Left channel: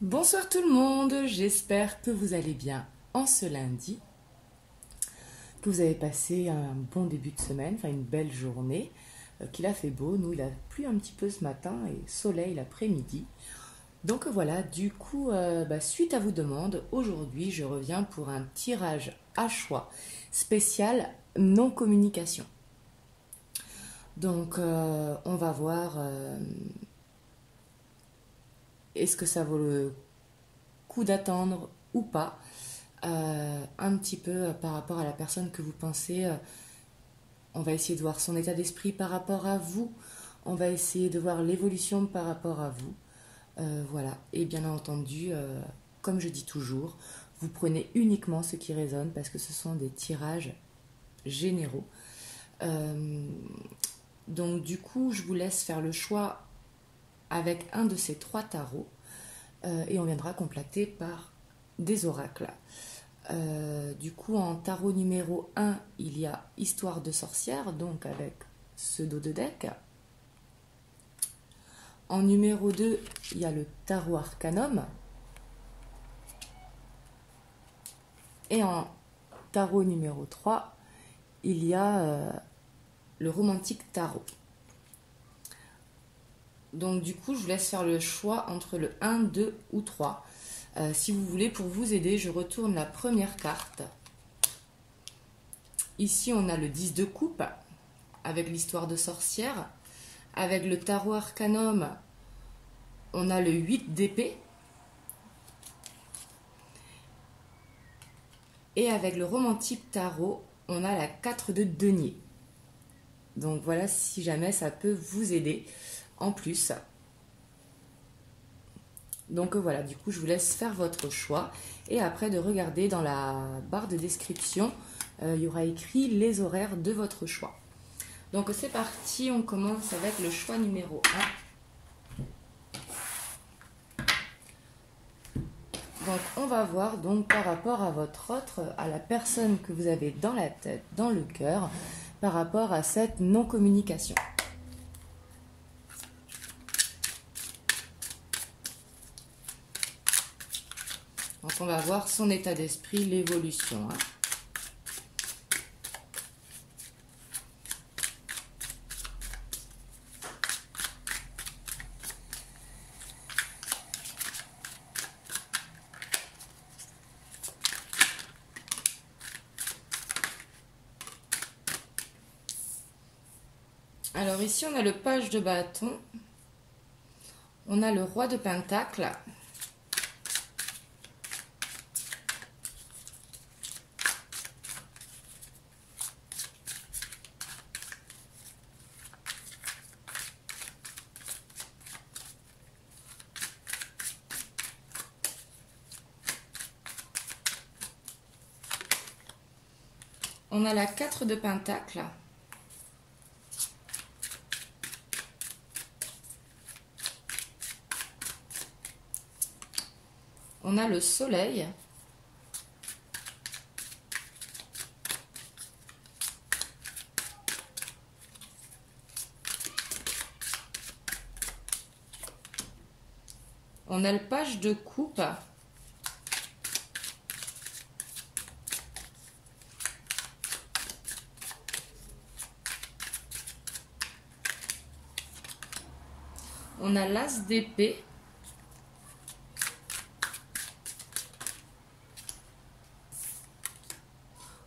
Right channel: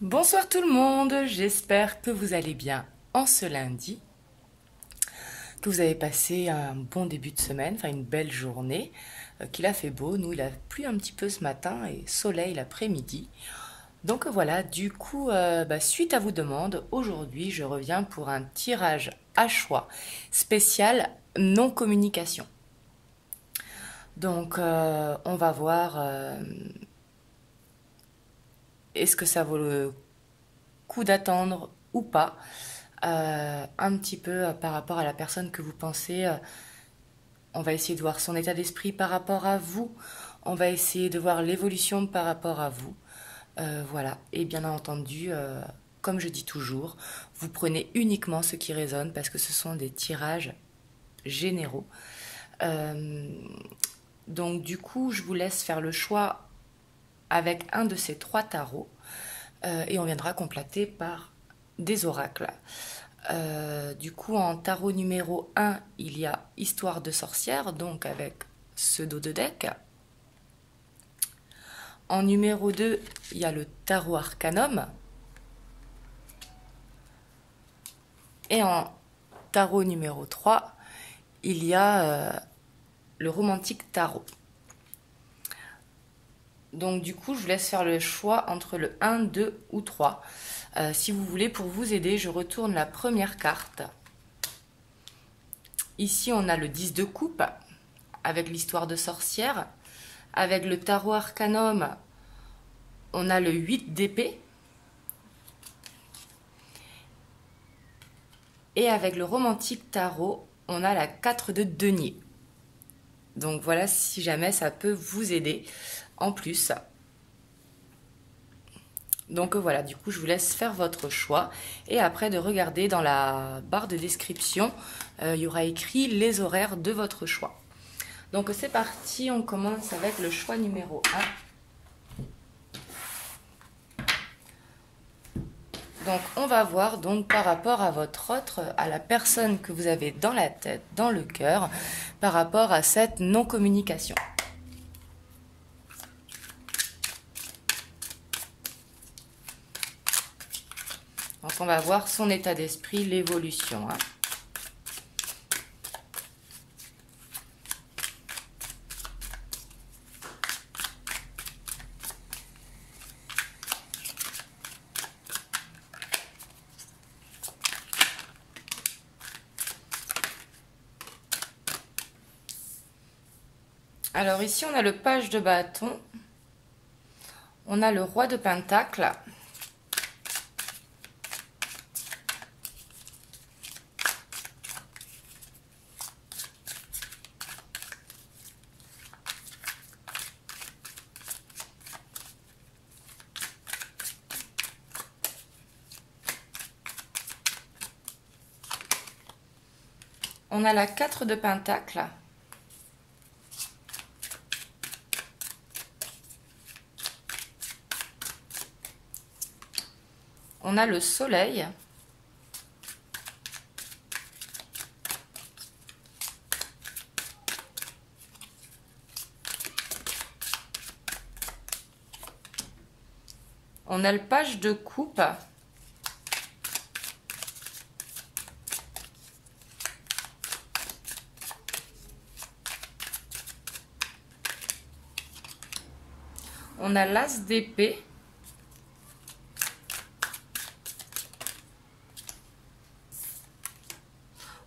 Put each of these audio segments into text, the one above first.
Bonsoir tout le monde, j'espère que vous allez bien en ce lundi, que vous avez passé un bon début de semaine, enfin une belle journée, qu'il a fait beau. Nous, il a plu un petit peu ce matin et soleil l'après-midi. Donc voilà, du coup, suite à vos demandes, aujourd'hui je reviens pour un tirage à choix spécial non-communication. Donc on va voir est-ce que ça vaut le coup d'attendre ou pas, un petit peu par rapport à la personne que vous pensez. On va essayer de voir son état d'esprit par rapport à vous. On va essayer de voir l'évolution par rapport à vous. Voilà. Et bien entendu, comme je dis toujours, vous prenez uniquement ce qui résonne parce que ce sont des tirages généraux. Euh, donc du coup, je vous laisse faire le choix avec un de ces trois tarots et on viendra compléter par des oracles. Du coup, en tarot numéro 1, il y a Histoire de sorcière, donc avec ce dos de deck. En numéro 2, il y a le tarot arcanum. Et en tarot numéro 3, il y a le romantique tarot. Donc du coup, je vous laisse faire le choix entre le 1, 2 ou 3. Si vous voulez, pour vous aider, je retourne la première carte. Ici, on a le 10 de coupe avec l'histoire de sorcière. Avec le tarot arcanum, on a le 8 d'épée. Et avec le romantique tarot, on a la 4 de denier. Donc voilà, si jamais ça peut vous aider en plus. Donc voilà, du coup, je vous laisse faire votre choix. Et après, de regarder dans la barre de description, il y aura écrit les horaires de votre choix. Donc c'est parti, on commence avec le choix numéro 1. Donc on va voir donc par rapport à votre autre, à la personne que vous avez dans la tête, dans le cœur, par rapport à cette non-communication. Donc on va voir son état d'esprit, l'évolution. Alors ici on a le page de bâton, on a le roi de pentacle, on a la 4 de pentacle, on a le soleil, on a le page de coupe, on a l'as d'épée,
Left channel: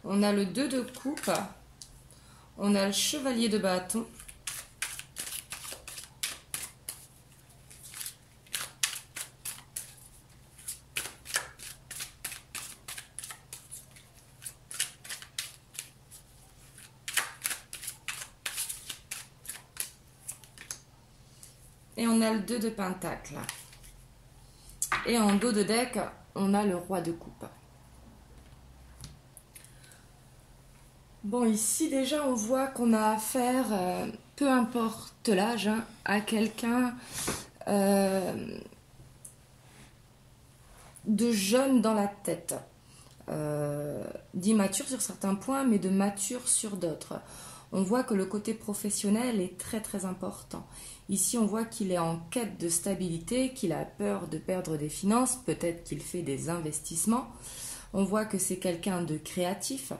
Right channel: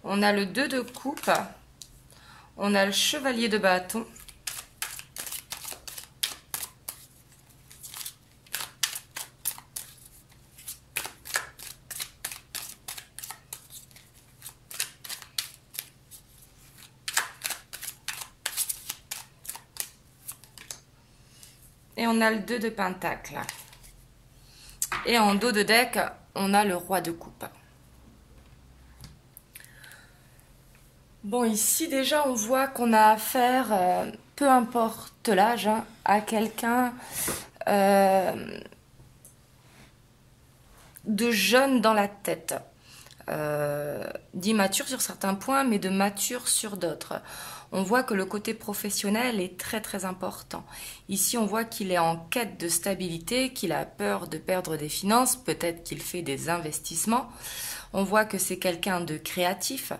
on a le 2 de coupe, on a le chevalier de bâton, et on a le 2 de pentacle. Et en dos de deck, on a le roi de coupe. Bon, ici déjà, on voit qu'on a affaire, peu importe l'âge, à quelqu'un de jeune dans la tête. D'immature sur certains points, mais de mature sur d'autres. On voit que le côté professionnel est très très important. Ici, on voit qu'il est en quête de stabilité, qu'il a peur de perdre des finances, peut-être qu'il fait des investissements. On voit que c'est quelqu'un de créatif,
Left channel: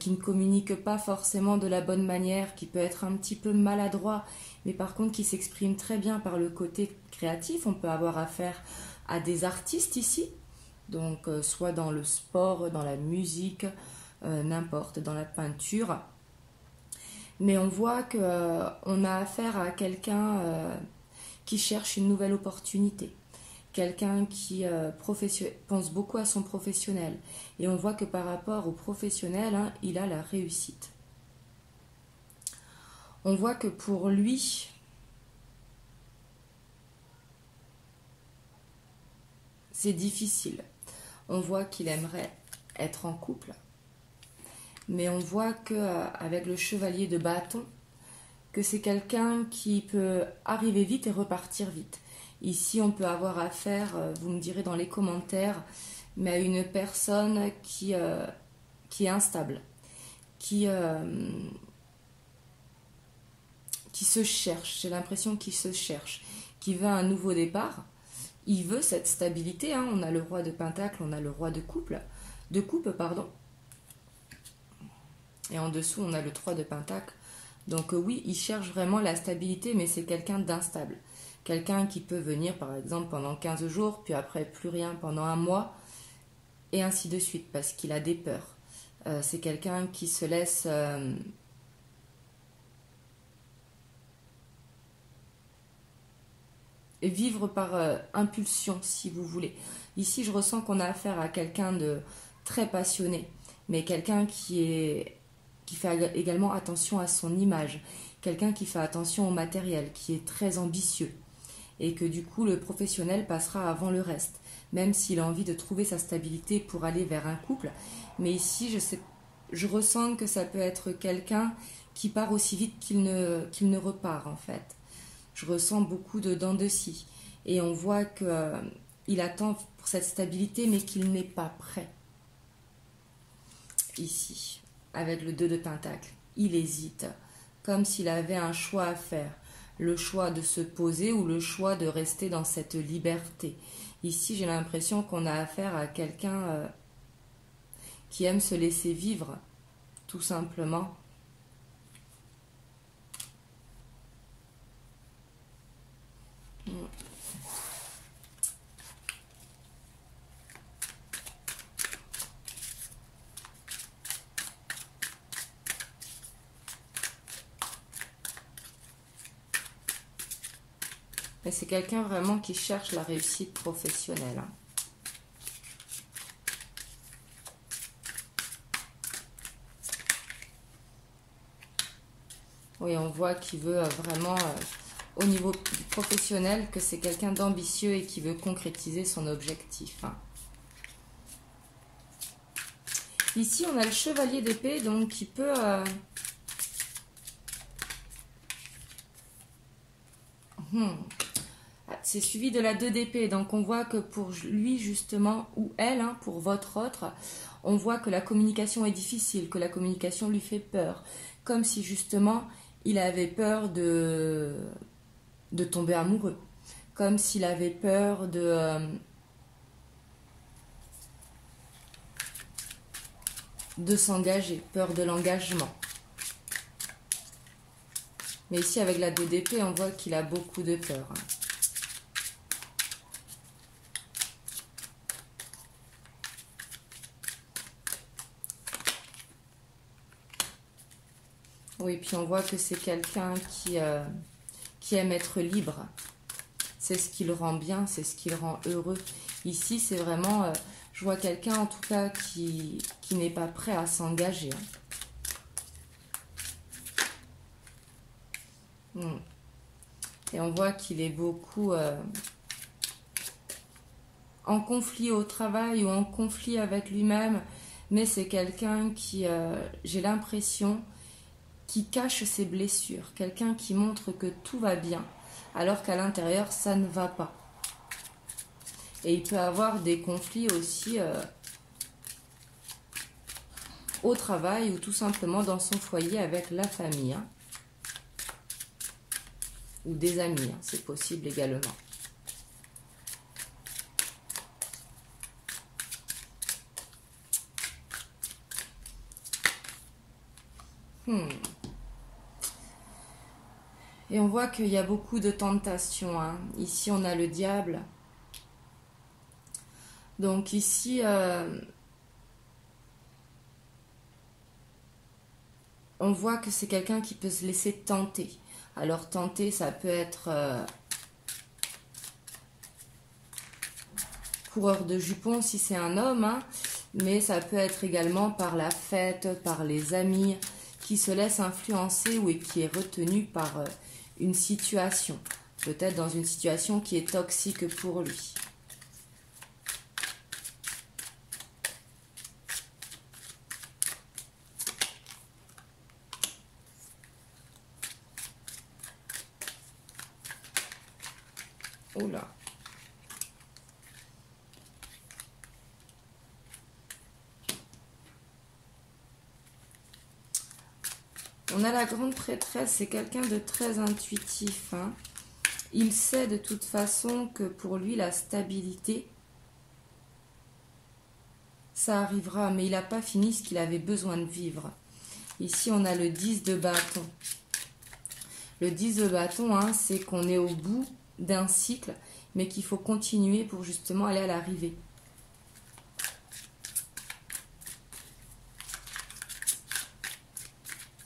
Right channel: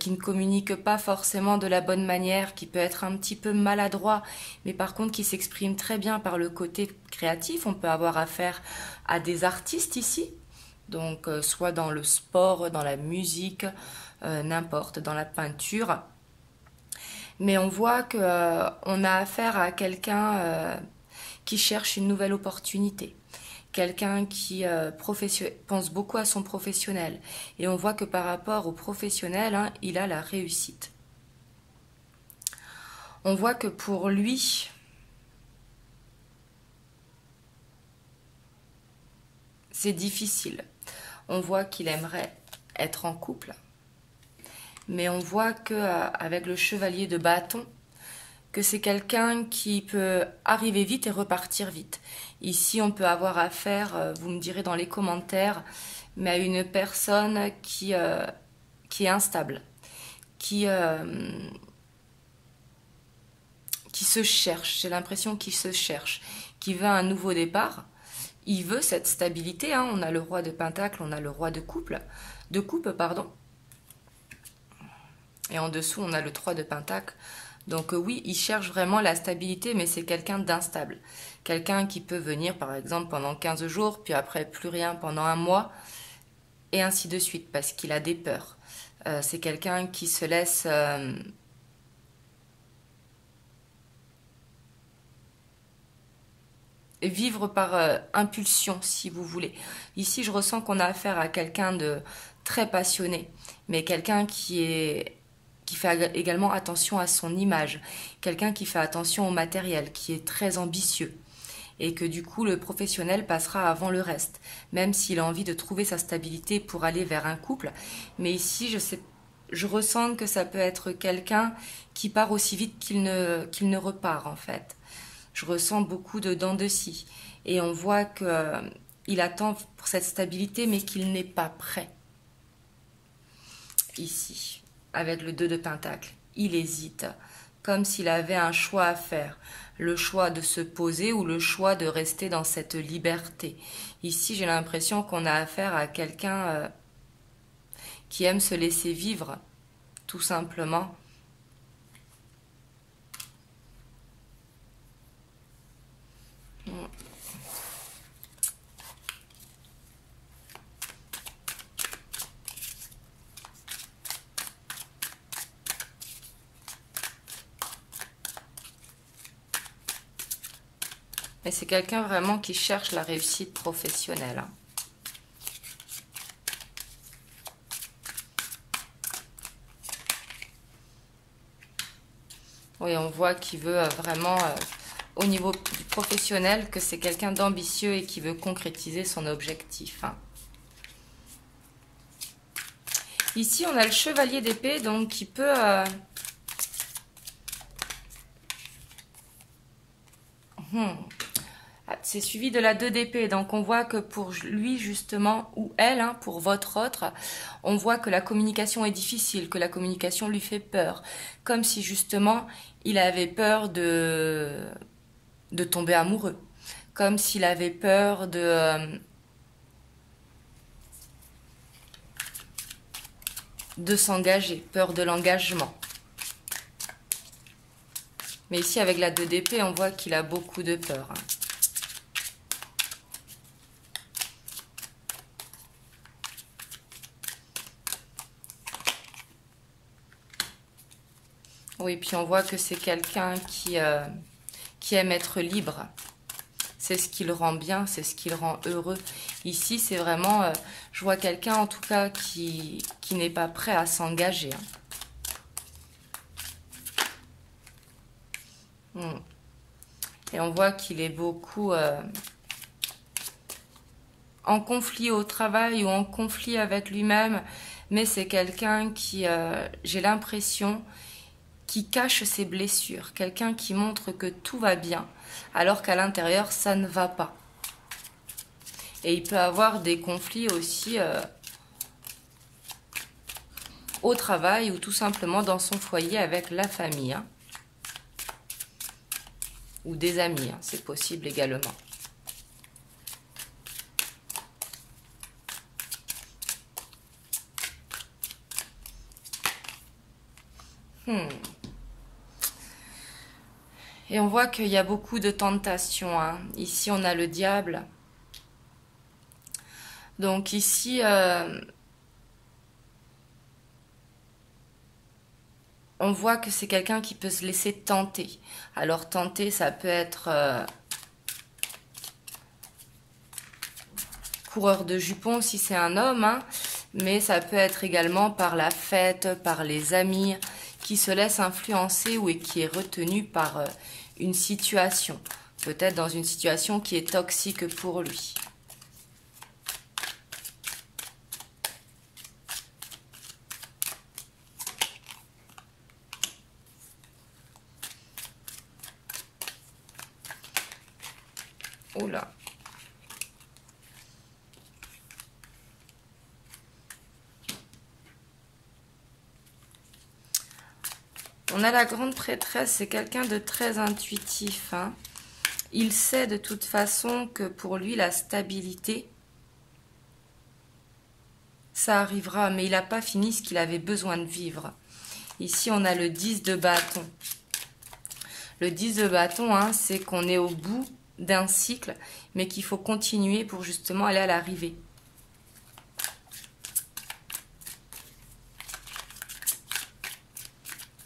qui ne communique pas forcément de la bonne manière, qui peut être un petit peu maladroit, mais par contre qui s'exprime très bien par le côté créatif. On peut avoir affaire à des artistes ici, donc soit dans le sport, dans la musique, n'importe, dans la peinture. Mais on voit qu'on a affaire à quelqu'un qui cherche une nouvelle opportunité. Quelqu'un qui pense beaucoup à son professionnel. Et on voit que par rapport au professionnel, hein, il a la réussite. On voit que pour lui, c'est difficile. On voit qu'il aimerait être en couple. Mais on voit qu'avec le chevalier de bâton, que c'est quelqu'un qui peut arriver vite et repartir vite. Ici, on peut avoir affaire, vous me direz dans les commentaires, mais à une personne qui est instable, qui se cherche. J'ai l'impression qu'il se cherche, qui veut un nouveau départ. Il veut cette stabilité. Hein. On a le roi de Pentacle, on a le roi de coupe, pardon. Et en dessous, on a le 3 de Pentacle. Donc oui, il cherche vraiment la stabilité, mais c'est quelqu'un d'instable. Quelqu'un qui peut venir, par exemple, pendant 15 jours, puis après plus rien pendant un mois, et ainsi de suite, parce qu'il a des peurs. C'est quelqu'un qui se laisse vivre par impulsion, si vous voulez. Ici, je ressens qu'on a affaire à quelqu'un de très passionné, mais quelqu'un qui fait également attention à son image, quelqu'un qui fait attention au matériel, qui est très ambitieux, et que du coup le professionnel passera avant le reste, même s'il a envie de trouver sa stabilité pour aller vers un couple. Mais ici, je ressens que ça peut être quelqu'un qui part aussi vite qu'il ne repart en fait. Je ressens beaucoup de dents de scie, et on voit qu'il attend pour cette stabilité, mais qu'il n'est pas prêt. Ici, avec le 2 de Pentacle, il hésite, comme s'il avait un choix à faire, le choix de se poser ou le choix de rester dans cette liberté. Ici, j'ai l'impression qu'on a affaire à quelqu'un qui aime se laisser vivre, tout simplement. Mais c'est quelqu'un vraiment qui cherche la réussite professionnelle. Oui, on voit qu'il veut vraiment, au niveau professionnel, que c'est quelqu'un d'ambitieux et qui veut concrétiser son objectif. Ici, on a le chevalier d'épée, donc qui peut... C'est suivi de la 2 d'épée, donc on voit que pour lui justement, ou elle, hein, pour votre autre, on voit que la communication est difficile, que la communication lui fait peur, comme si justement il avait peur de tomber amoureux, comme s'il avait peur de s'engager, peur de l'engagement. Mais ici avec la 2 d'épée, on voit qu'il a beaucoup de peur. Oui, puis on voit que c'est quelqu'un qui aime être libre. C'est ce qui le rend bien, c'est ce qui le rend heureux. Ici, c'est vraiment, je vois quelqu'un en tout cas qui n'est pas prêt à s'engager. Et on voit qu'il est beaucoup en conflit au travail ou en conflit avec lui-même. Mais c'est quelqu'un qui, j'ai l'impression, qui cache ses blessures. Quelqu'un qui montre que tout va bien, alors qu'à l'intérieur, ça ne va pas. Et il peut avoir des conflits aussi au travail ou tout simplement dans son foyer avec la famille. Hein. Ou des amis, hein, c'est possible également. Et on voit qu'il y a beaucoup de tentations. Hein. Ici, on a le diable. Donc ici, on voit que c'est quelqu'un qui peut se laisser tenter. Alors tenter, ça peut être coureur de jupons si c'est un homme, hein, mais ça peut être également par la fête, par les amis, qui se laisse influencer ou qui est retenu par une situation. Peut-être dans une situation qui est toxique pour lui. Oula. On a la grande prêtresse, c'est quelqu'un de très intuitif. Hein. Il sait de toute façon que pour lui, la stabilité, ça arrivera, mais il n'a pas fini ce qu'il avait besoin de vivre. Ici, on a le 10 de bâton. Le 10 de bâton, hein, c'est qu'on est au bout d'un cycle, mais qu'il faut continuer pour justement aller à l'arrivée.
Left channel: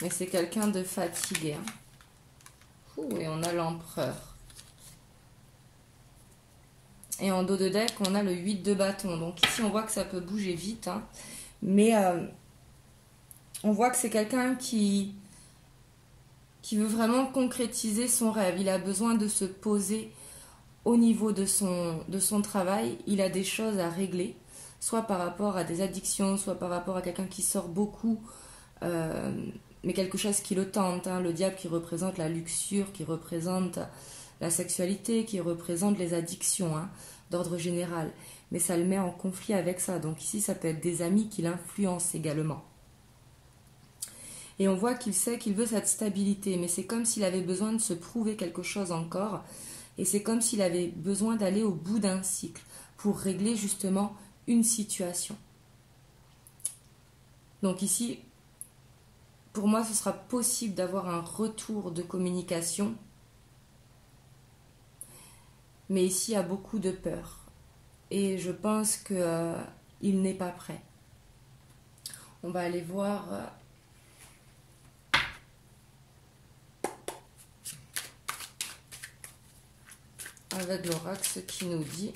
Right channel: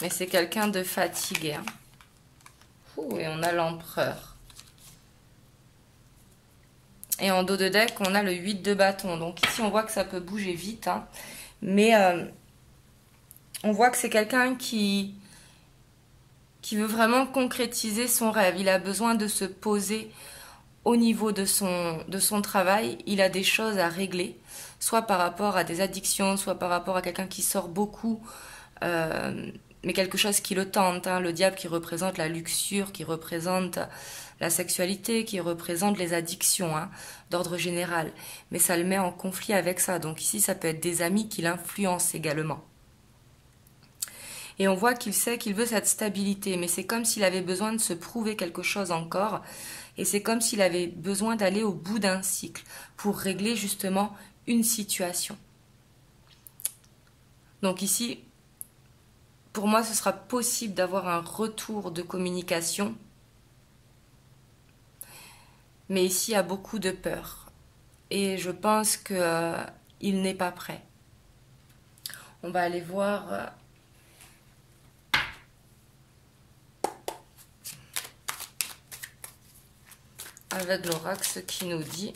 Mais c'est quelqu'un de fatigué. Hein. Ouh, et on a l'empereur. Et en dos de deck, on a le 8 de bâton. Donc ici, on voit que ça peut bouger vite. Hein. Mais on voit que c'est quelqu'un qui veut vraiment concrétiser son rêve. Il a besoin de se poser au niveau de son travail. Il a des choses à régler, soit par rapport à des addictions, soit par rapport à quelqu'un qui sort beaucoup, mais quelque chose qui le tente. Hein. Le diable qui représente la luxure, qui représente la sexualité, qui représente les addictions, hein, d'ordre général. Mais ça le met en conflit avec ça. Donc ici, ça peut être des amis qui l'influencent également. Et on voit qu'il sait qu'il veut cette stabilité, mais c'est comme s'il avait besoin de se prouver quelque chose encore. Et c'est comme s'il avait besoin d'aller au bout d'un cycle pour régler justement une situation. Donc ici, pour moi, ce sera possible d'avoir un retour de communication. Mais ici, il y a beaucoup de peur. Et je pense qu'il n'est pas prêt. On va aller voir... avec l'oracle, ce qui nous dit.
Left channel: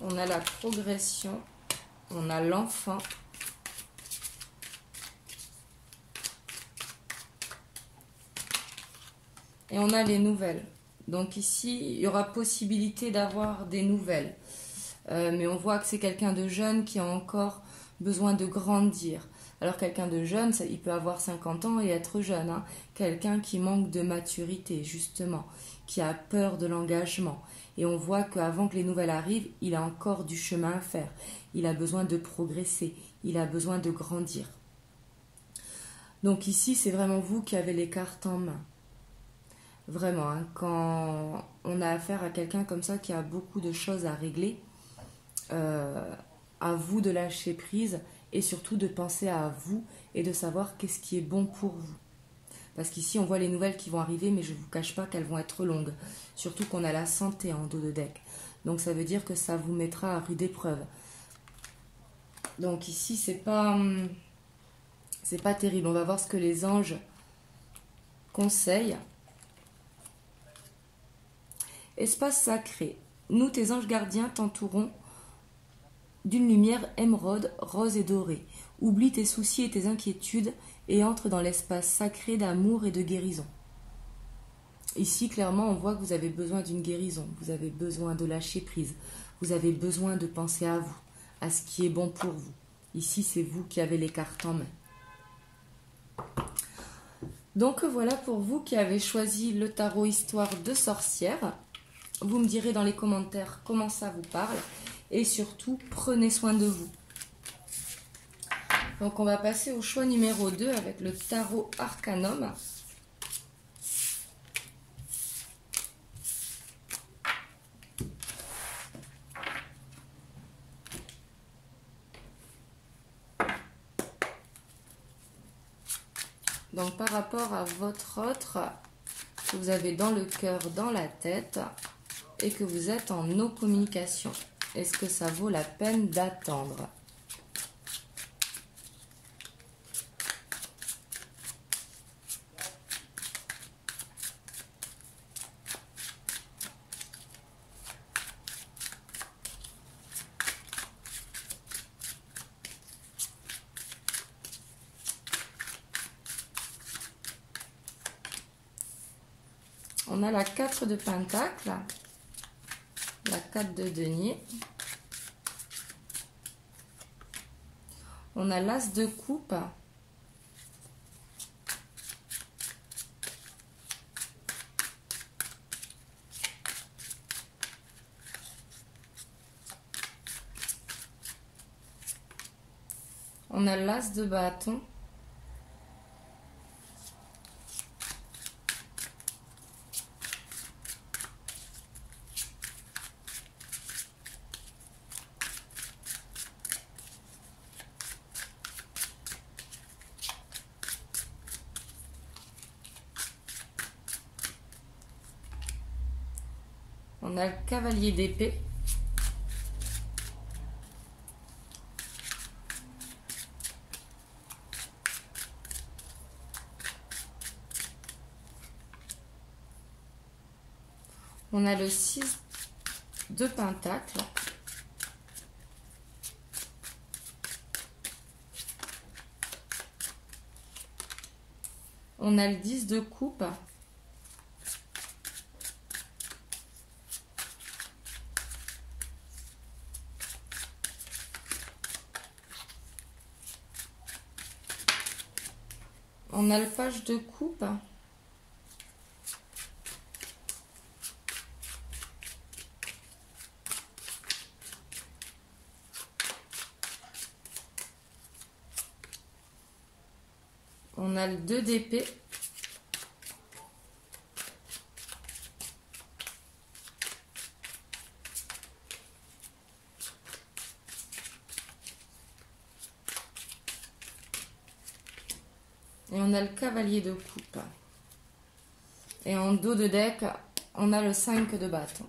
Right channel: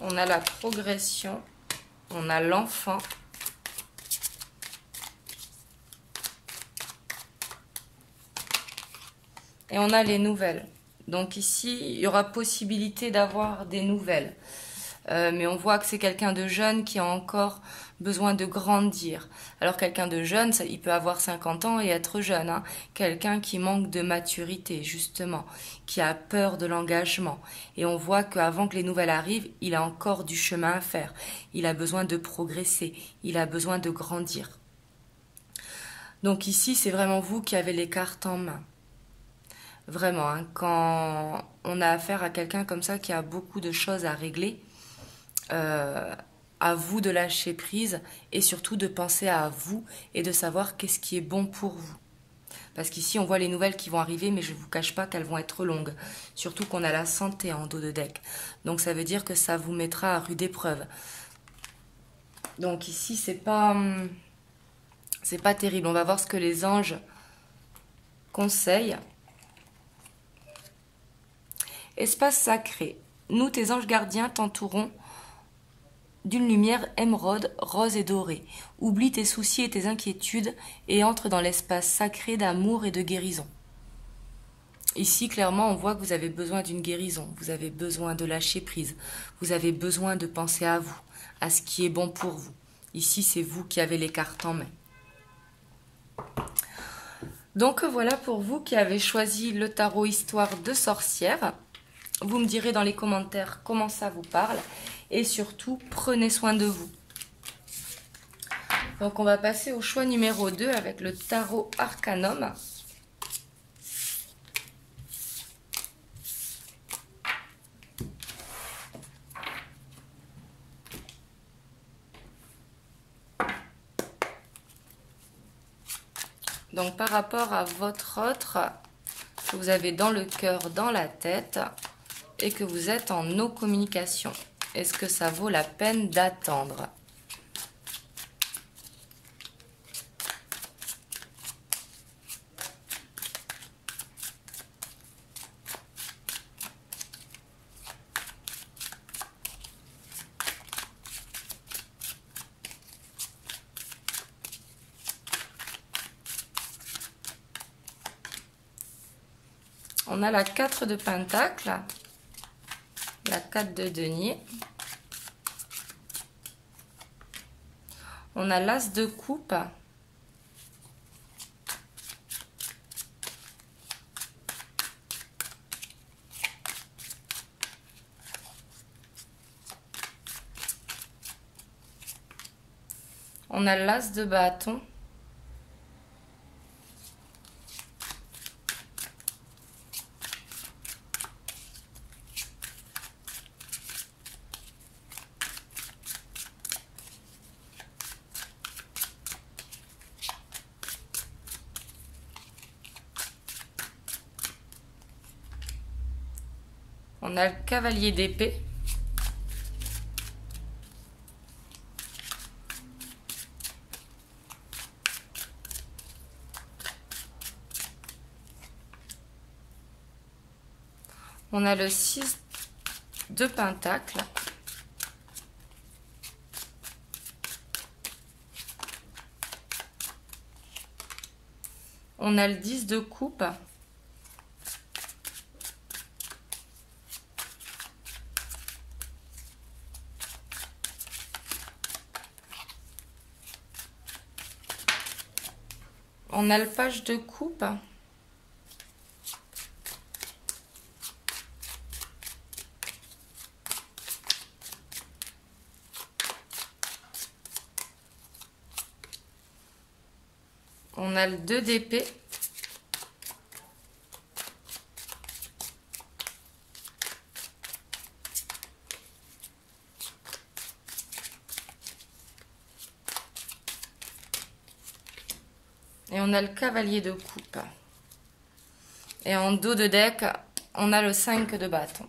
On a la progression, on a l'enfant. Et on a les nouvelles. Donc ici, il y aura possibilité d'avoir des nouvelles. Mais on voit que c'est quelqu'un de jeune qui a encore besoin de grandir. Alors quelqu'un de jeune, il peut avoir 50 ans et être jeune. Hein. Quelqu'un qui manque de maturité, justement, qui a peur de l'engagement. Et on voit qu'avant que les nouvelles arrivent, il a encore du chemin à faire. Il a besoin de progresser, il a besoin de grandir. Donc ici, c'est vraiment vous qui avez les cartes en main. Vraiment, hein, quand on a affaire à quelqu'un comme ça qui a beaucoup de choses à régler, à vous de lâcher prise et surtout de penser à vous et de savoir qu'est-ce qui est bon pour vous. Parce qu'ici, on voit les nouvelles qui vont arriver, mais je ne vous cache pas qu'elles vont être longues. Surtout qu'on a la santé en dos de deck. Donc ça veut dire que ça vous mettra à rude épreuve. Donc ici, c'est pas terrible. On va voir ce que les anges conseillent. Espace sacré. Nous, tes anges gardiens, t'entourons d'une lumière émeraude, rose et dorée. Oublie tes soucis et tes inquiétudes et entre dans l'espace sacré d'amour et de guérison. Ici, clairement, on voit que vous avez besoin d'une guérison. Vous avez besoin de lâcher prise. Vous avez besoin de penser à vous, à ce qui est bon pour vous. Ici, c'est vous qui avez les cartes en main. Donc voilà pour vous qui avez choisi le tarot Histoire de sorcière. Vous me direz dans les commentaires comment ça vous parle. Et surtout, prenez soin de vous. Donc on va passer au choix numéro 2 avec le tarot Arcanum. Donc par rapport à votre autre, que vous avez dans le cœur, dans la tête, et que vous êtes en no communication, est-ce que ça vaut la peine d'attendre? On a la 4 de Pentacle, la 4 de Denier. On a l'As de Coupe. On a l'As de Bâton. On a le Cavalier d'épée. On a le 6 de Pentacle. On a le 10 de Coupe. On a le Page de Coupe. On a le 2 d'épée. Et on a le Cavalier de Coupe. Et en dos de deck, on a le 5 de Bâton.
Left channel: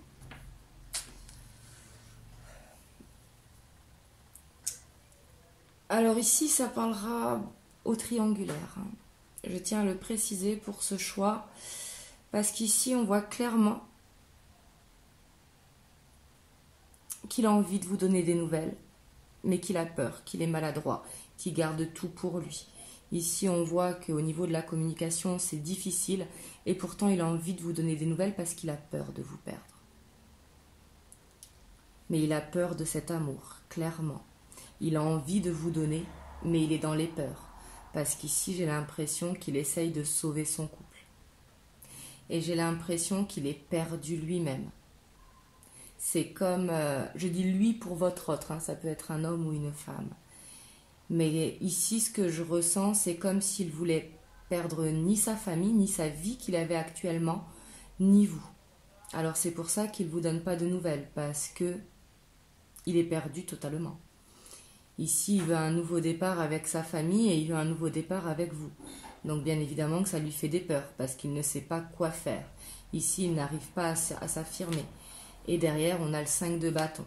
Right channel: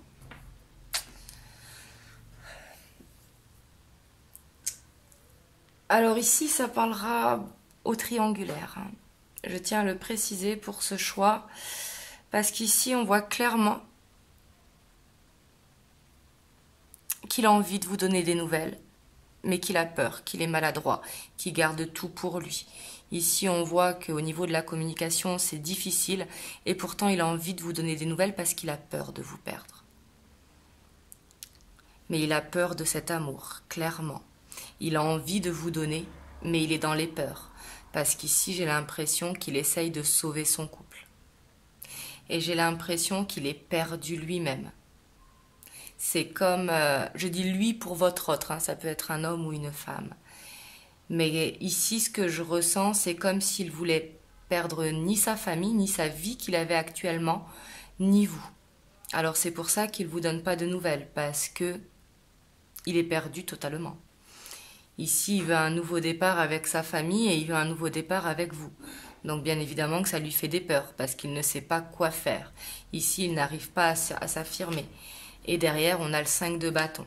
Alors ici, ça parlera au triangulaire. Je tiens à le préciser pour ce choix. Parce qu'ici, on voit clairement qu'il a envie de vous donner des nouvelles. Mais qu'il a peur, qu'il est maladroit, qu'il garde tout pour lui. Ici, on voit qu'au niveau de la communication, c'est difficile. Et pourtant, il a envie de vous donner des nouvelles parce qu'il a peur de vous perdre. Mais il a peur de cet amour, clairement. Il a envie de vous donner, mais il est dans les peurs. Parce qu'ici, j'ai l'impression qu'il essaye de sauver son couple. Et j'ai l'impression qu'il est perdu lui-même. C'est comme, je dis lui pour votre autre, hein, ça peut être un homme ou une femme. Mais ici, ce que je ressens, c'est comme s'il voulait perdre ni sa famille, ni sa vie qu'il avait actuellement, ni vous. Alors c'est pour ça qu'il ne vous donne pas de nouvelles, parce que il est perdu totalement. Ici, il veut un nouveau départ avec sa famille et il veut un nouveau départ avec vous. Donc bien évidemment que ça lui fait des peurs, parce qu'il ne sait pas quoi faire. Ici, il n'arrive pas à s'affirmer. Et derrière, on a le 5 de bâton.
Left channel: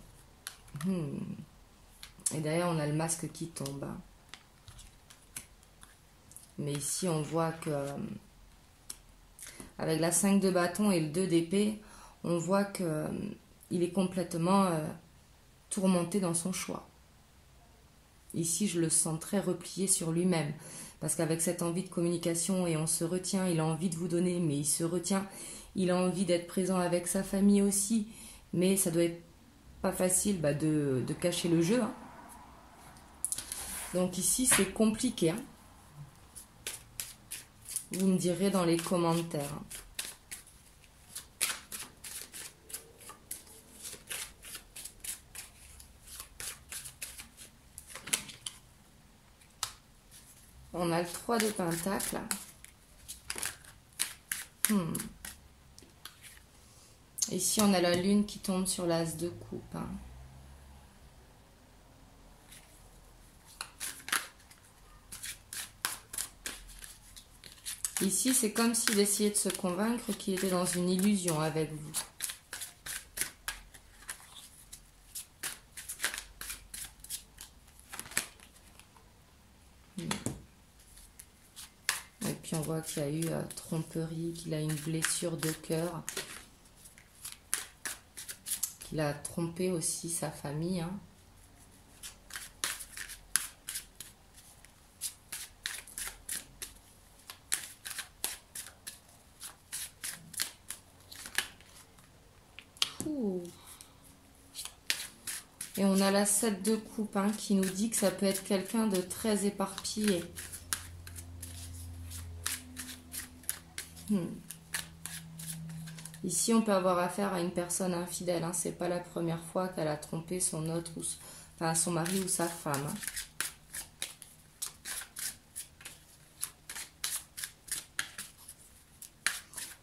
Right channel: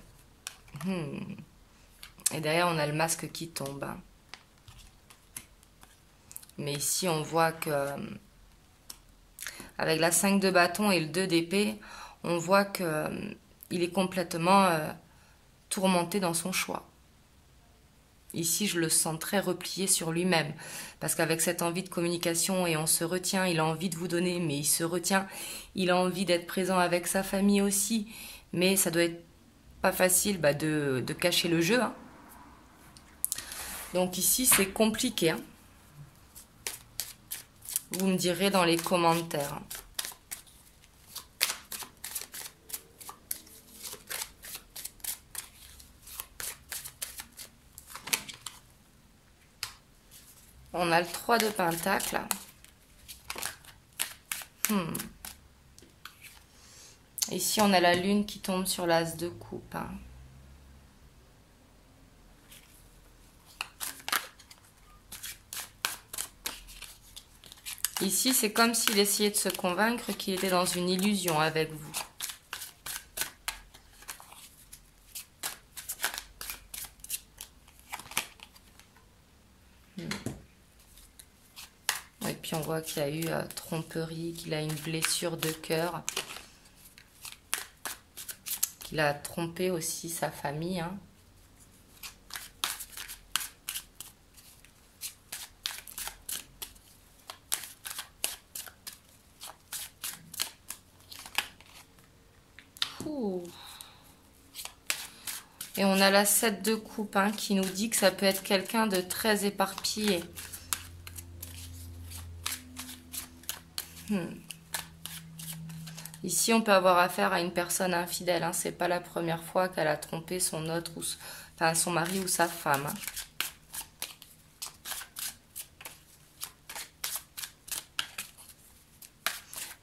Et derrière, on a le masque qui tombe. Mais ici, on voit que avec la 5 de bâton et le 2 d'épée, on voit qu'il est complètement tourmenté dans son choix. Ici, je le sens très replié sur lui-même. Parce qu'avec cette envie de communication, et on se retient, il a envie de vous donner, mais il se retient. Il a envie d'être présent avec sa famille aussi. Mais ça doit être pas facile de cacher le jeu. Hein. Donc ici, c'est compliqué. Hein. Vous me direz dans les commentaires. On a le 3 de Pentacle. Ici, on a la lune qui tombe sur l'as de coupe. Ici, c'est comme s'il essayait de se convaincre qu'il était dans une illusion avec vous. Et puis, on voit qu'il y a eu tromperie, qu'il a une blessure de cœur. Qu'il a trompé aussi sa famille. Et on a la 7 de coupe qui nous dit que ça peut être quelqu'un de très éparpillé. Ici, on peut avoir affaire à une personne infidèle. C'est pas la première fois qu'elle a trompé son autre, enfin son mari ou sa femme.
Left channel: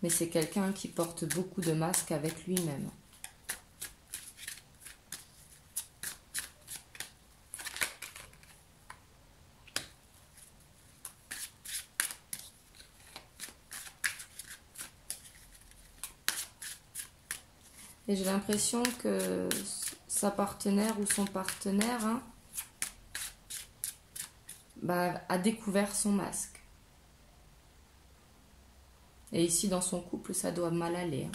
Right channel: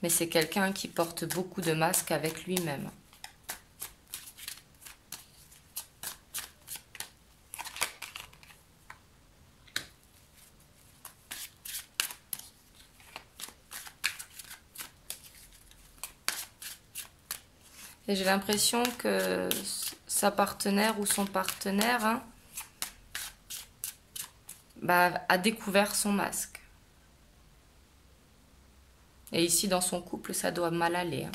Mais c'est quelqu'un qui porte beaucoup de masques avec lui-même. Et j'ai l'impression que sa partenaire ou son partenaire a découvert son masque. Et ici, dans son couple, ça doit mal aller.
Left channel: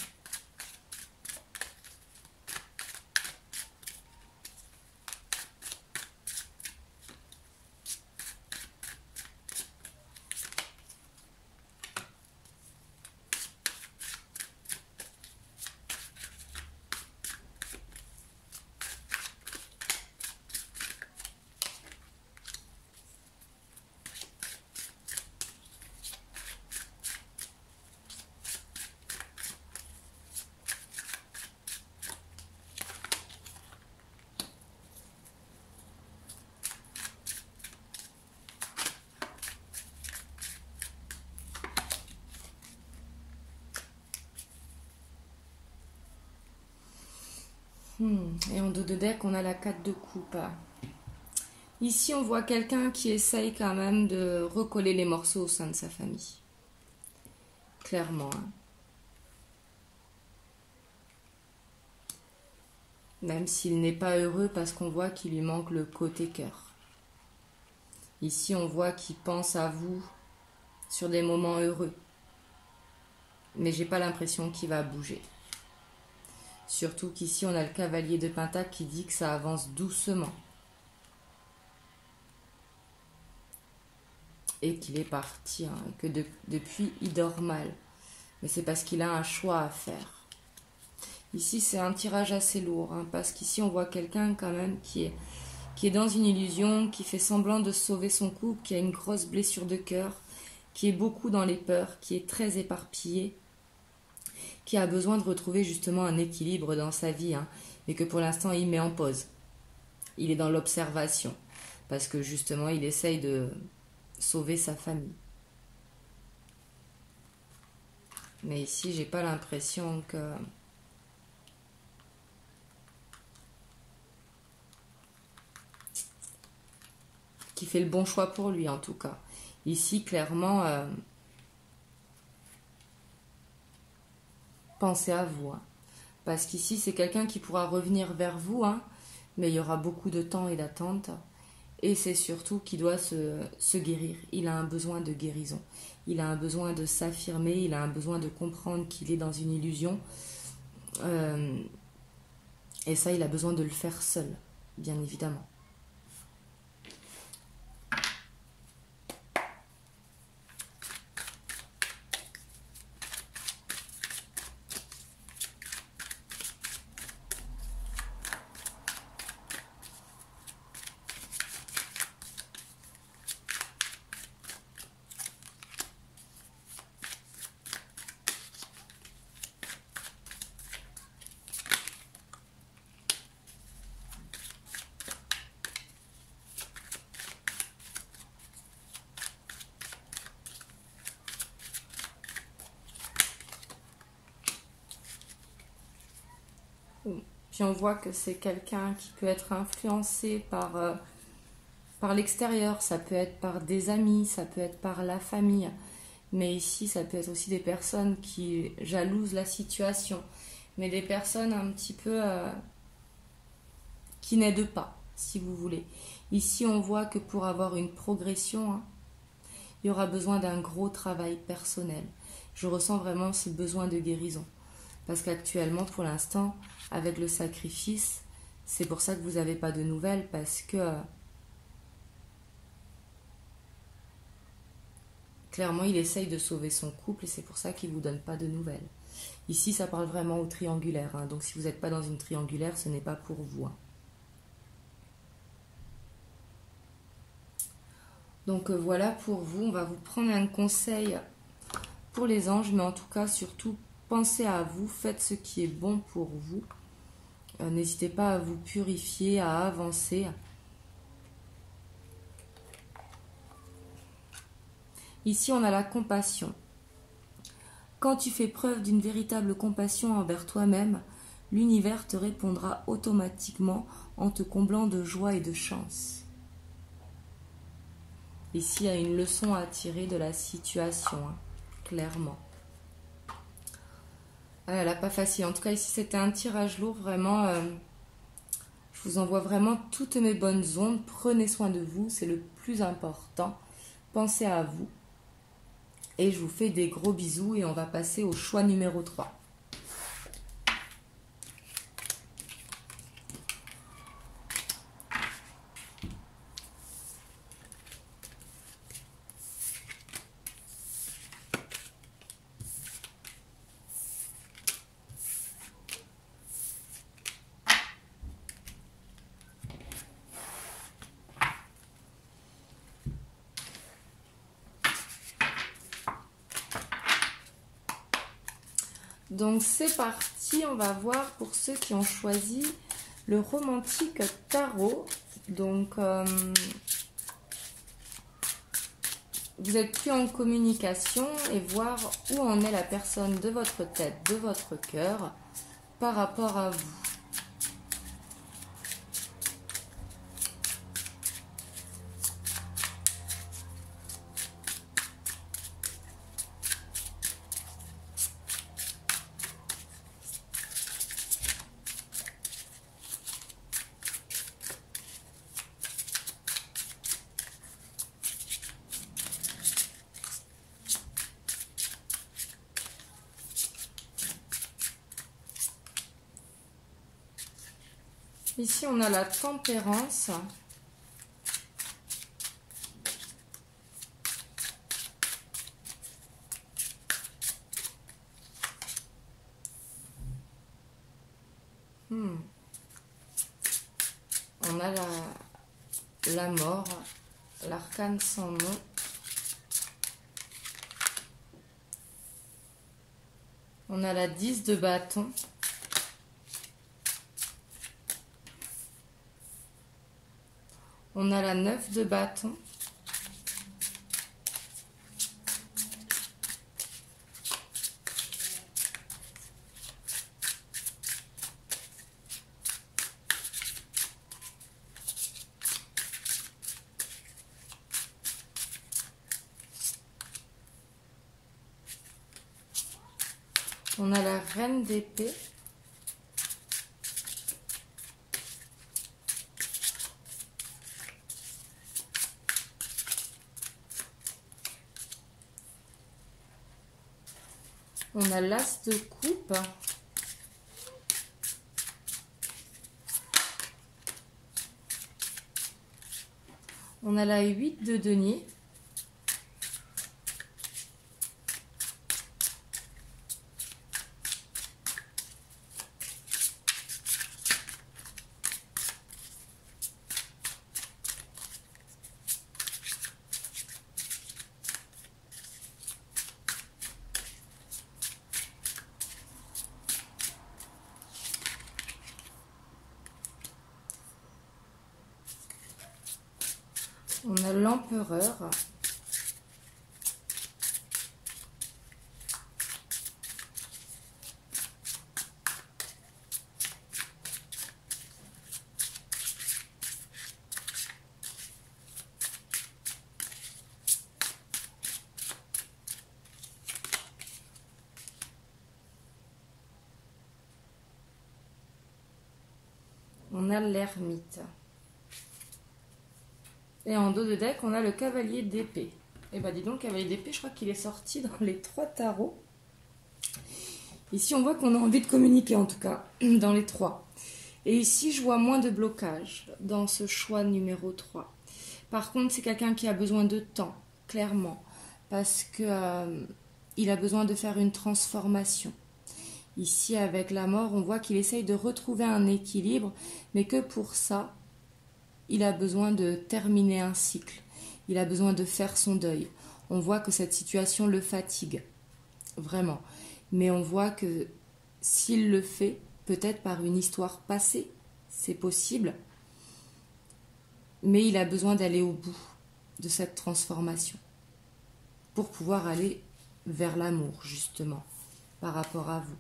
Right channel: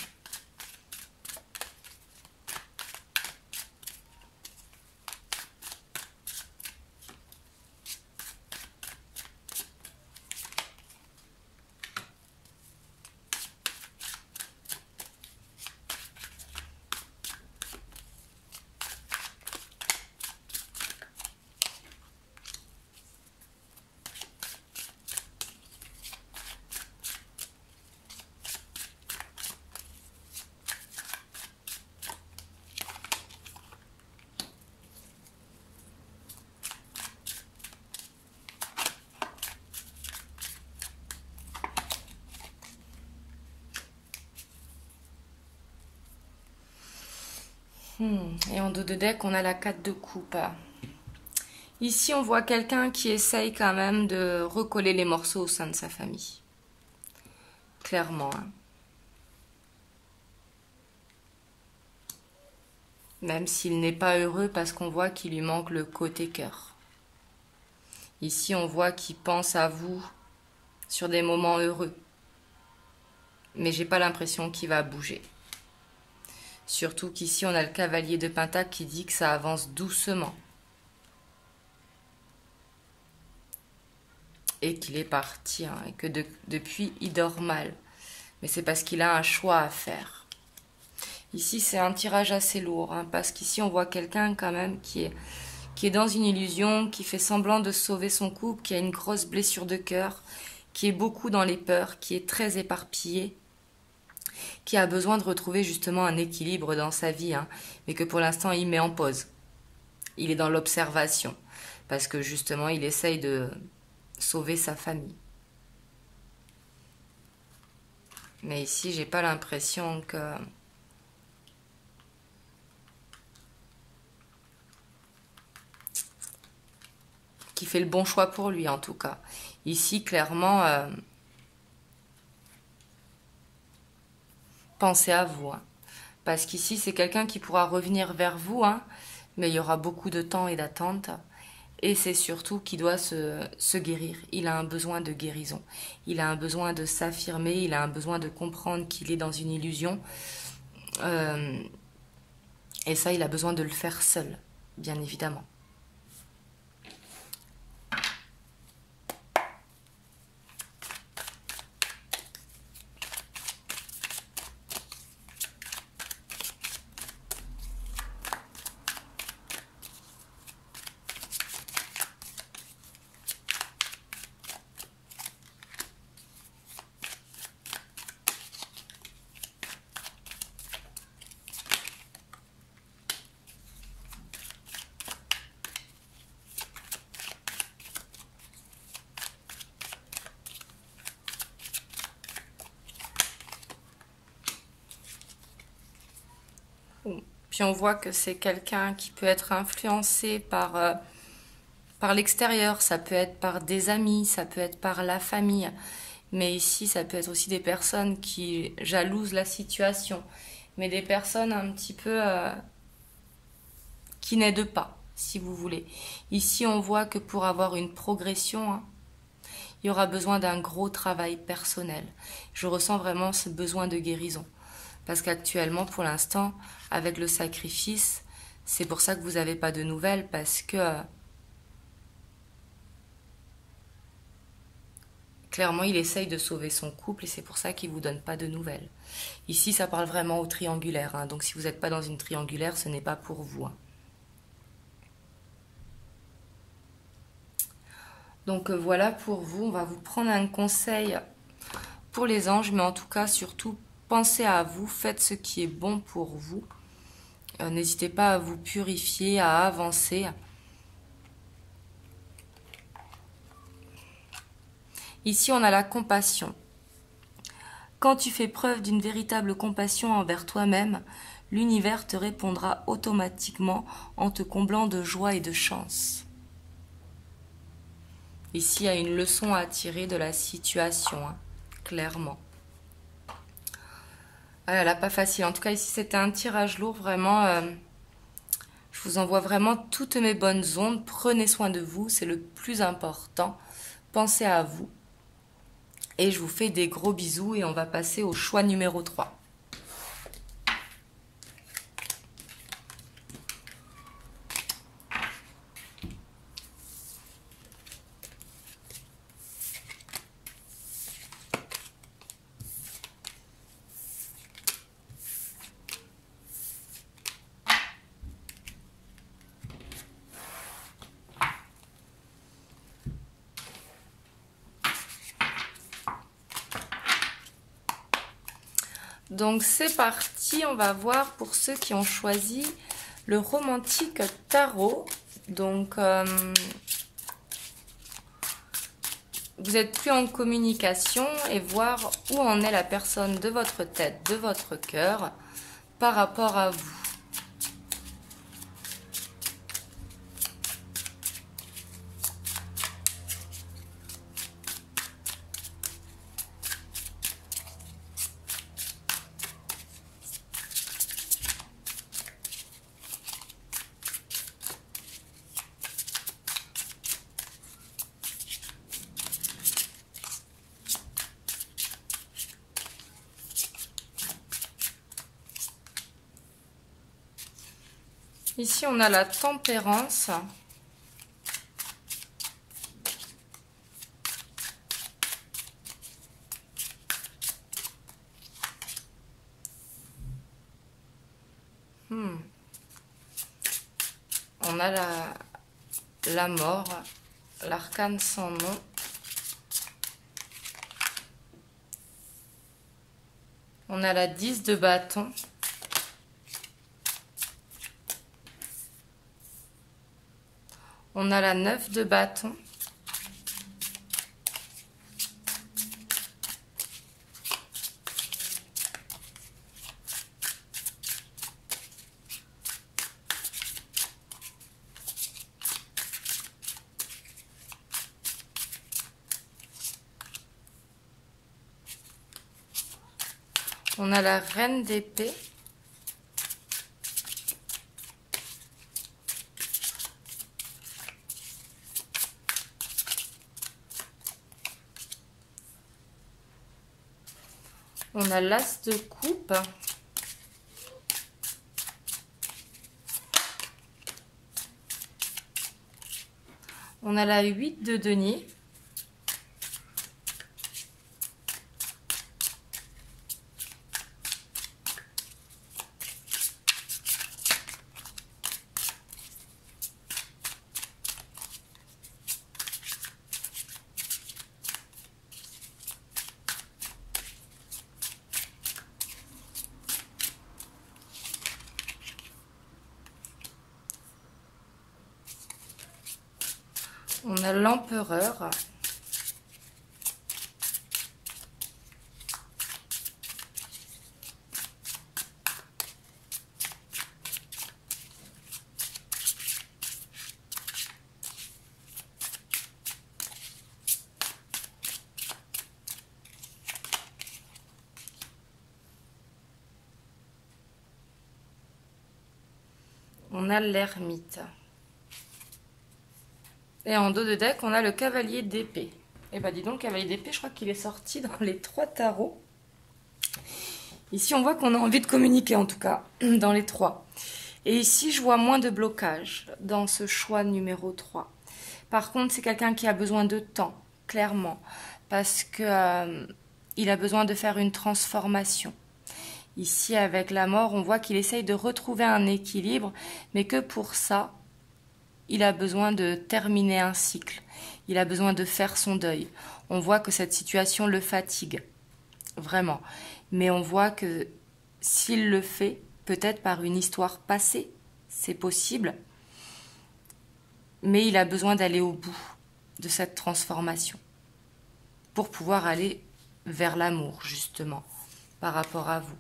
Et en dos de deck, on a la 4 de coupe. Ici, on voit quelqu'un qui essaye quand même de recoller les morceaux au sein de sa famille. Clairement. Même s'il n'est pas heureux parce qu'on voit qu'il lui manque le côté cœur. Ici, on voit qu'il pense à vous sur des moments heureux. Mais j'ai pas l'impression qu'il va bouger. Surtout qu'ici, on a le cavalier de Pentacle qui dit que ça avance doucement. Et qu'il est parti, et que depuis, il dort mal. Mais c'est parce qu'il a un choix à faire. Ici, c'est un tirage assez lourd, parce qu'ici, on voit quelqu'un quand même qui est dans une illusion, qui fait semblant de sauver son couple, qui a une grosse blessure de cœur, qui est beaucoup dans les peurs, qui est très éparpillé, qui a besoin de retrouver justement un équilibre dans sa vie, mais que pour l'instant il met en pause. Il est dans l'observation, parce que justement il essaye de sauver sa famille. Mais ici, j'ai pas l'impression qu'il fait le bon choix pour lui en tout cas. Ici, clairement, pensez à vous. Parce qu'ici, c'est quelqu'un qui pourra revenir vers vous, mais il y aura beaucoup de temps et d'attente. Et c'est surtout qu'il doit se guérir. Il a un besoin de guérison. Il a un besoin de s'affirmer. Il a un besoin de comprendre qu'il est dans une illusion. Et ça, il a besoin de le faire seul, bien évidemment. Puis on voit que c'est quelqu'un qui peut être influencé par l'extérieur, ça peut être par des amis, ça peut être par la famille. Mais ici, ça peut être aussi des personnes qui jalousent la situation. Mais des personnes un petit peu qui n'aident pas, si vous voulez. Ici, on voit que pour avoir une progression, hein, il y aura besoin d'un gros travail personnel. Je ressens vraiment ce besoin de guérison. Parce qu'actuellement, pour l'instant, avec le sacrifice, c'est pour ça que vous n'avez pas de nouvelles, parce que clairement, il essaye de sauver son couple et c'est pour ça qu'il ne vous donne pas de nouvelles. Ici, ça parle vraiment au triangulaire, hein, donc si vous n'êtes pas dans une triangulaire, ce n'est pas pour vous. Hein. Donc voilà pour vous, on va vous prendre un conseil pour les anges, mais en tout cas, surtout, pensez à vous, faites ce qui est bon pour vous. N'hésitez pas à vous purifier, à avancer. Ici, on a la compassion. Quand tu fais preuve d'une véritable compassion envers toi-même, l'univers te répondra automatiquement en te comblant de joie et de chance. Ici, il y a une leçon à tirer de la situation, hein, clairement. Ah là là, pas facile. En tout cas, ici, c'était un tirage lourd, vraiment. Je vous envoie vraiment toutes mes bonnes ondes. Prenez soin de vous, c'est le plus important. Pensez à vous. Et je vous fais des gros bisous et on va passer au choix numéro 3. Donc c'est parti, on va voir pour ceux qui ont choisi le romantique tarot. Donc vous êtes plus en communication et voir où en est la personne de votre tête, de votre cœur par rapport à vous. Ici, on a la tempérance. On a la mort, l'arcane sans nom. On a la 10 de bâton. On a la 9 de bâton. On a la reine d'épée. On a l'as de coupe. On a la 8 de denier. On a l'empereur. on a l'ermite. Et en dos de deck, on a le cavalier d'épée. Et bah dis donc, cavalier d'épée, je crois qu'il est sorti dans les 3 tarots. Ici, on voit qu'on a envie de communiquer, en tout cas, dans les 3. Et ici, je vois moins de blocage dans ce choix numéro 3. Par contre, c'est quelqu'un qui a besoin de temps, clairement, parce que il a besoin de faire une transformation. Ici, avec la mort, on voit qu'il essaye de retrouver un équilibre, mais que pour ça, il a besoin de terminer un cycle. Il a besoin de faire son deuil. On voit que cette situation le fatigue, vraiment. Mais on voit que s'il le fait, peut-être par une histoire passée, c'est possible, mais il a besoin d'aller au bout de cette transformation pour pouvoir aller vers l'amour, justement, par rapport à vous.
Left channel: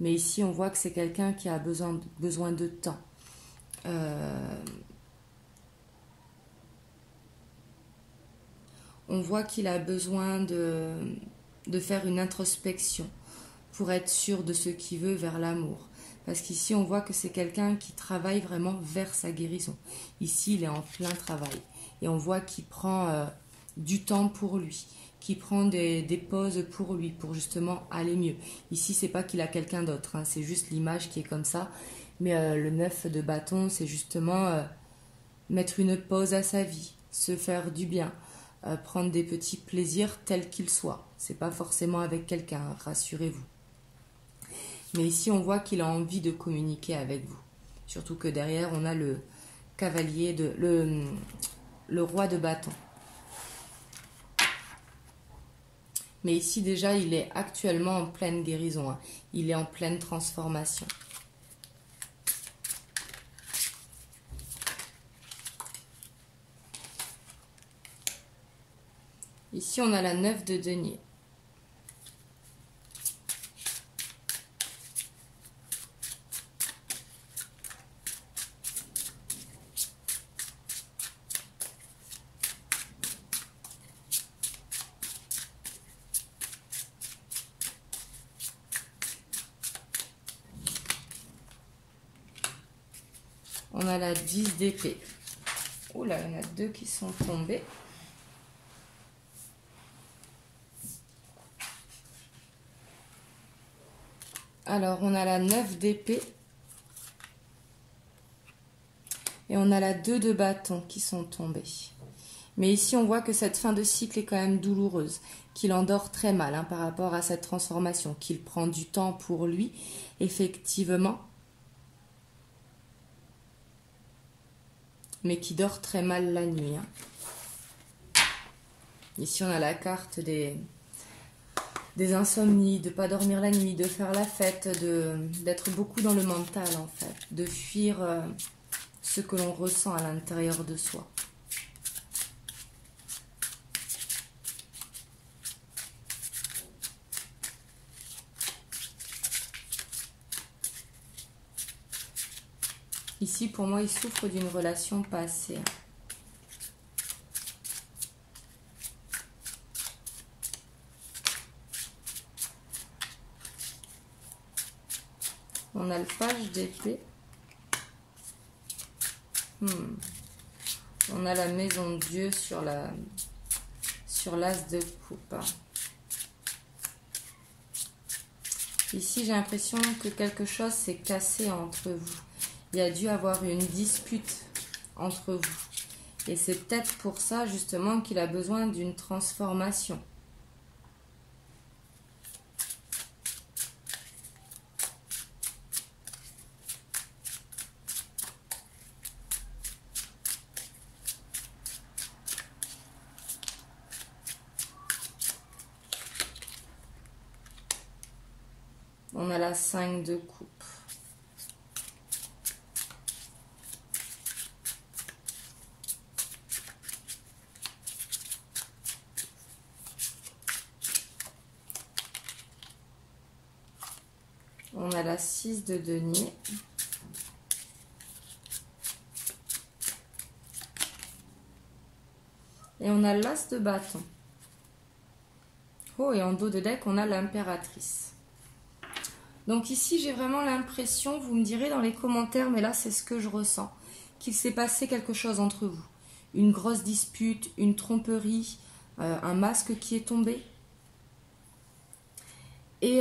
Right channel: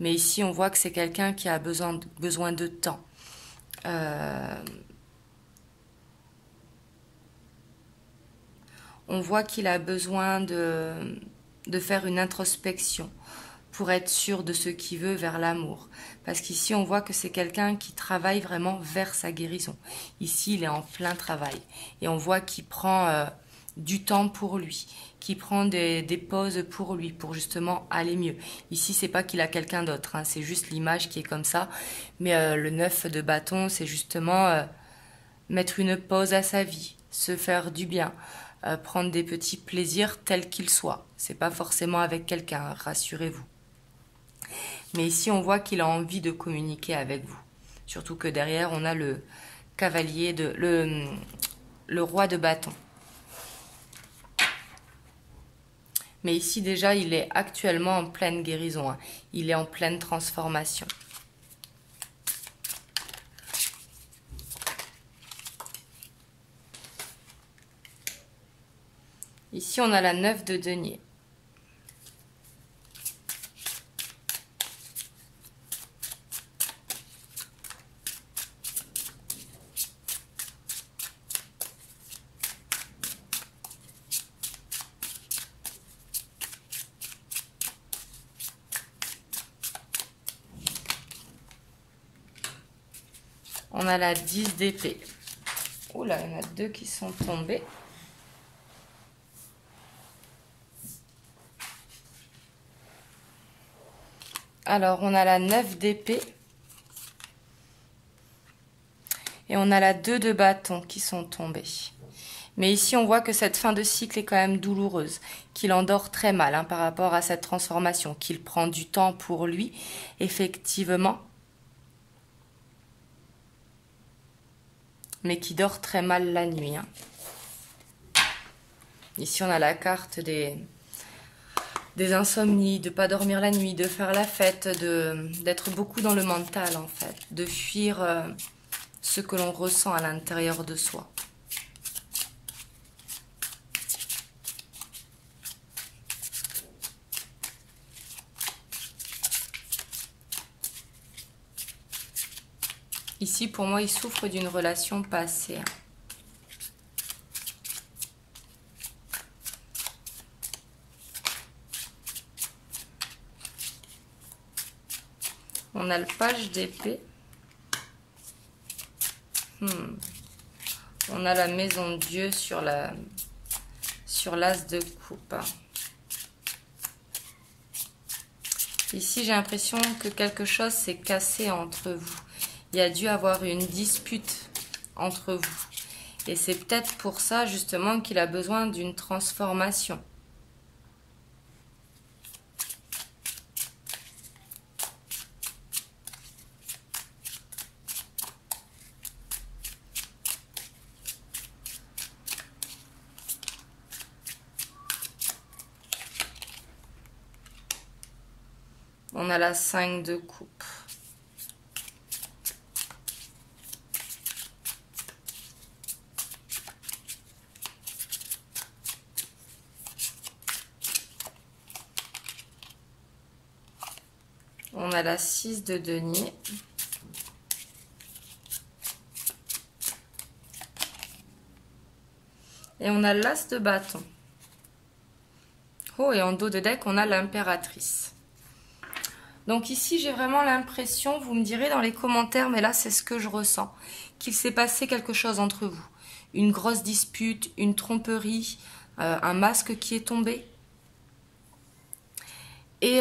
Mais ici, on voit que c'est quelqu'un qui a besoin de temps. On voit qu'il a besoin de faire une introspection pour être sûr de ce qu'il veut vers l'amour. Parce qu'ici, on voit que c'est quelqu'un qui travaille vraiment vers sa guérison. Ici, il est en plein travail. Et on voit qu'il prend du temps pour lui, qu'il prend des pauses pour lui, pour justement aller mieux. Ici, c'est pas qu'il a quelqu'un d'autre, hein, c'est juste l'image qui est comme ça. Mais le 9 de bâton, c'est justement mettre une pause à sa vie, se faire du bien, prendre des petits plaisirs tels qu'ils soient. C'est pas forcément avec quelqu'un, rassurez-vous. Mais ici, on voit qu'il a envie de communiquer avec vous. Surtout que derrière, on a le cavalier le roi de bâton. Mais ici, déjà, il est actuellement en pleine guérison. Hein. Il est en pleine transformation. Ici, on a la 9 de denier. On a la 10 d'épée. Oula, il y en a 2 qui sont tombés. Alors, on a la 9 d'épée. Et on a la 2 de bâton qui sont tombés. Mais ici, on voit que cette fin de cycle est quand même douloureuse, qu'il endort très mal par rapport à cette transformation, qu'il prend du temps pour lui, effectivement, mais qui dort très mal la nuit. Hein. Ici, on a la carte des insomnies, de ne pas dormir la nuit, de faire la fête, d'être beaucoup dans le mental, en fait, de fuir ce que l'on ressent à l'intérieur de soi. Ici, pour moi, il souffre d'une relation passée. On a le page d'épée. On a la maison de Dieu sur l'as de coupe. Ici, j'ai l'impression que quelque chose s'est cassé entre vous. Il y a dû avoir une dispute entre vous. Et c'est peut-être pour ça, justement, qu'il a besoin d'une transformation. On a la 5 de coupe. On a la 6 de denier. Et on a l'as de bâton. Oh, et en dos de deck, on a l'impératrice. Donc ici, j'ai vraiment l'impression, vous me direz dans les commentaires, mais là, c'est ce que je ressens, qu'il s'est passé quelque chose entre vous. Une grosse dispute, une tromperie, un masque qui est tombé. Et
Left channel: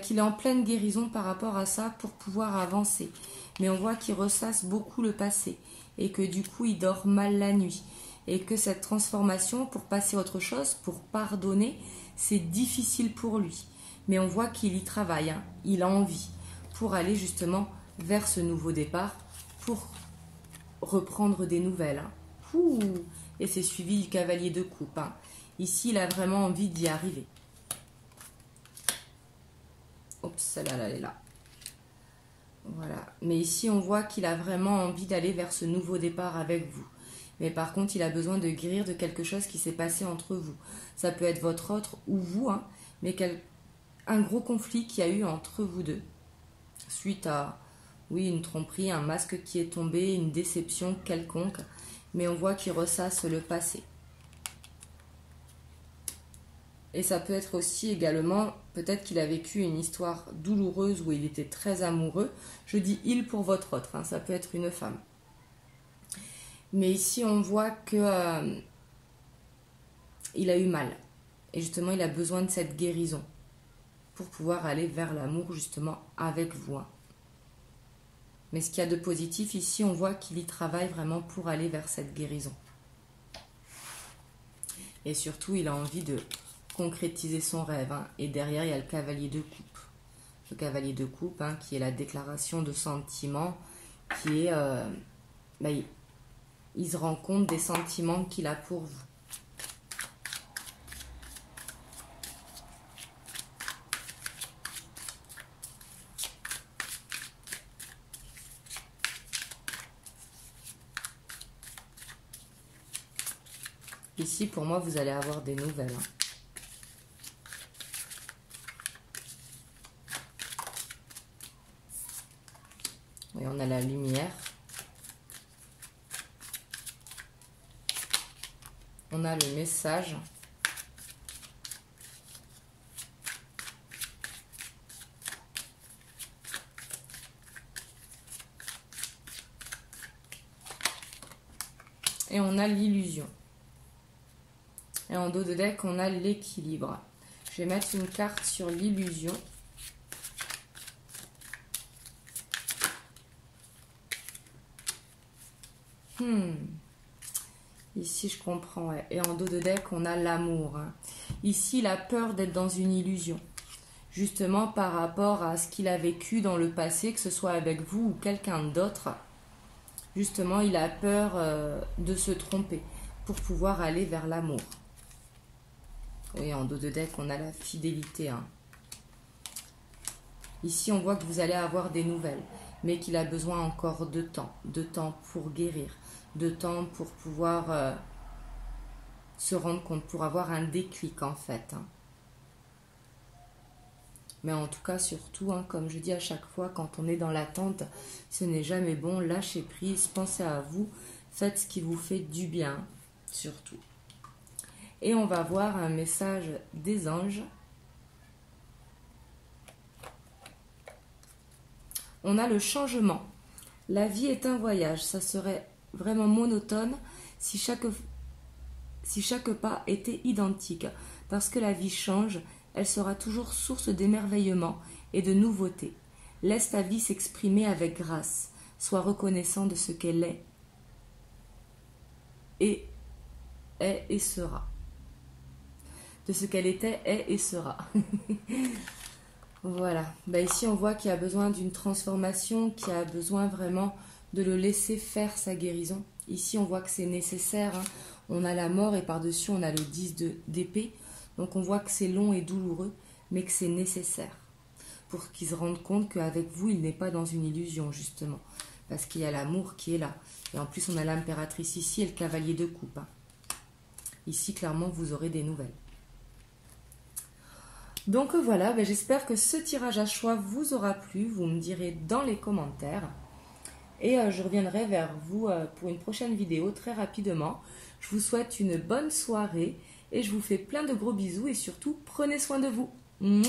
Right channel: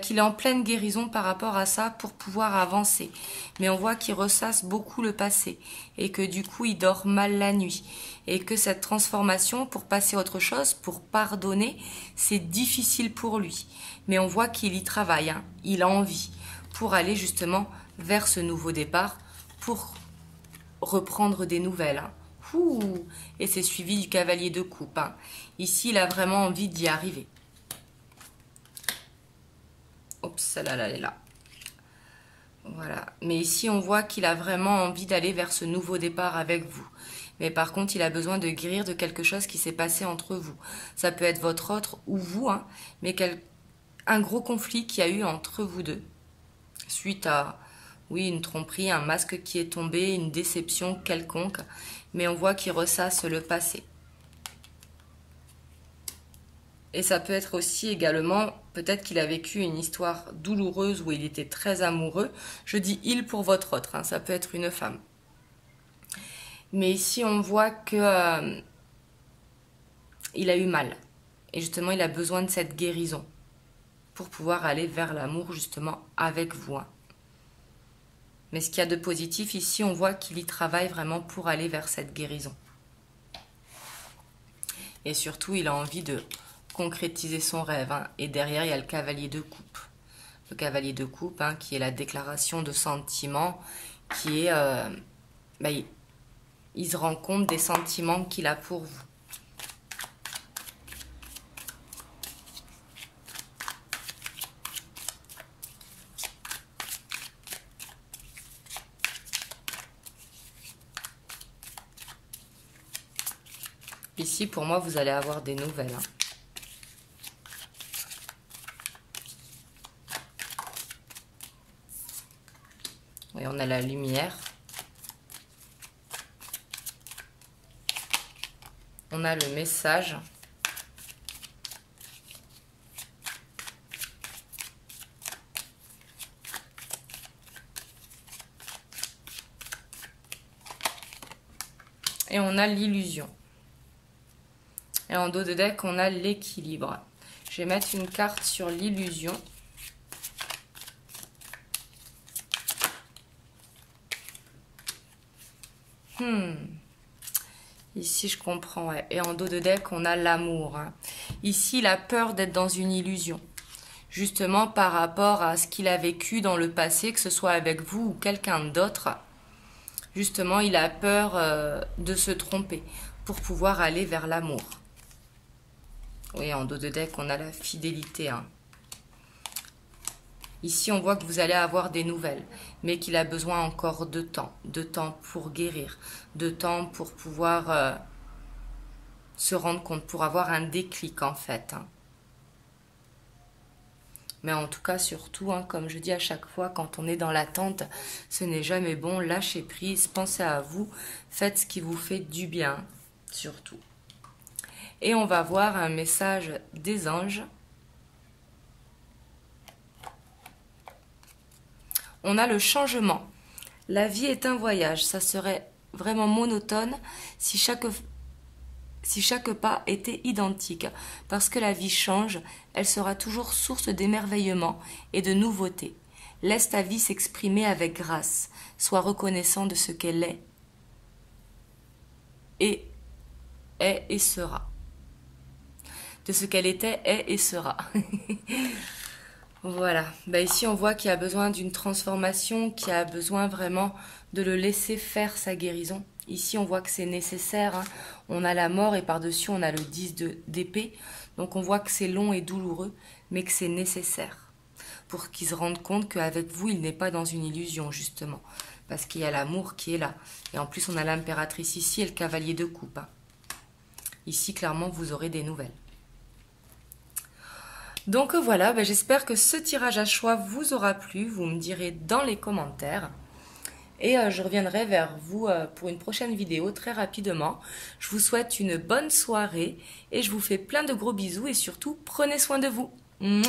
qu'il est en pleine guérison par rapport à ça pour pouvoir avancer. Mais on voit qu'il ressasse beaucoup le passé et que du coup, il dort mal la nuit. Et que cette transformation, pour passer à autre chose, pour pardonner, c'est difficile pour lui. Mais on voit qu'il y travaille, hein, il a envie pour aller justement vers ce nouveau départ, pour reprendre des nouvelles. Hein. Et c'est suivi du cavalier de coupe. Hein. Ici, il a vraiment envie d'y arriver. Oups, celle-là, elle est là. Voilà. Mais ici, on voit qu'il a vraiment envie d'aller vers ce nouveau départ avec vous. Mais par contre, il a besoin de guérir de quelque chose qui s'est passé entre vous. Ça peut être votre autre ou vous, hein, mais un gros conflit qu'il y a eu entre vous deux. Suite à, oui, une tromperie, un masque qui est tombé, une déception quelconque. Mais on voit qu'il ressasse le passé. Et ça peut être aussi également, peut-être qu'il a vécu une histoire douloureuse où il était très amoureux. Je dis il pour votre autre, hein, ça peut être une femme. Mais ici, on voit que il a eu mal. Et justement, il a besoin de cette guérison pour pouvoir aller vers l'amour, justement, avec vous. Hein. Mais ce qu'il y a de positif, ici, on voit qu'il y travaille vraiment pour aller vers cette guérison. Et surtout, il a envie de concrétiser son rêve. Hein. Et derrière, il y a le cavalier de coupe. Le cavalier de coupe, hein, qui est la déclaration de sentiments, qui est... il se rend compte des sentiments qu'il a pour vous. Ici, pour moi, vous allez avoir des nouvelles. Hein. Oui, on a la lumière. On a le message. Et on a l'illusion. Et en dos de deck, on a l'équilibre. Je vais mettre une carte sur l'illusion. Ici, je comprends. Ouais. Et en dos de deck, on a l'amour. Hein. Ici, il a peur d'être dans une illusion. Justement, par rapport à ce qu'il a vécu dans le passé, que ce soit avec vous ou quelqu'un d'autre. Justement, il a peur de se tromper pour pouvoir aller vers l'amour. Oui, en dos de deck, on a la fidélité. Hein. Ici, on voit que vous allez avoir des nouvelles, mais qu'il a besoin encore de temps pour guérir, de temps pour pouvoir se rendre compte, pour avoir un déclic en fait. Hein. Mais en tout cas, surtout, hein, comme je dis à chaque fois, quand on est dans l'attente, ce n'est jamais bon, lâchez prise, pensez à vous, faites ce qui vous fait du bien, surtout. Et on va voir un message des anges. On a le changement. La vie est un voyage. Ça serait vraiment monotone si chaque pas était identique. Parce que la vie change, elle sera toujours source d'émerveillement et de nouveautés. Laisse ta vie s'exprimer avec grâce. Sois reconnaissant de ce qu'elle est et sera. De ce qu'elle était, est et sera. Voilà. Ici, on voit qu'il a besoin d'une transformation, qu'il a besoin vraiment de le laisser faire sa guérison. Ici, on voit que c'est nécessaire. Hein. On a la mort et par-dessus, on a le 10 d'épée. Donc, on voit que c'est long et douloureux, mais que c'est nécessaire pour qu'il se rende compte qu'avec vous, il n'est pas dans une illusion, justement. Parce qu'il y a l'amour qui est là. Et en plus, on a l'impératrice ici et le cavalier de coupe. Hein. Ici, clairement, vous aurez des nouvelles. Donc voilà, j'espère que ce tirage à choix vous aura plu. Vous me direz dans les commentaires. Et je reviendrai vers vous pour une prochaine vidéo très rapidement. Je vous souhaite une bonne soirée et je vous fais plein de gros bisous et surtout, prenez soin de vous. Mouah.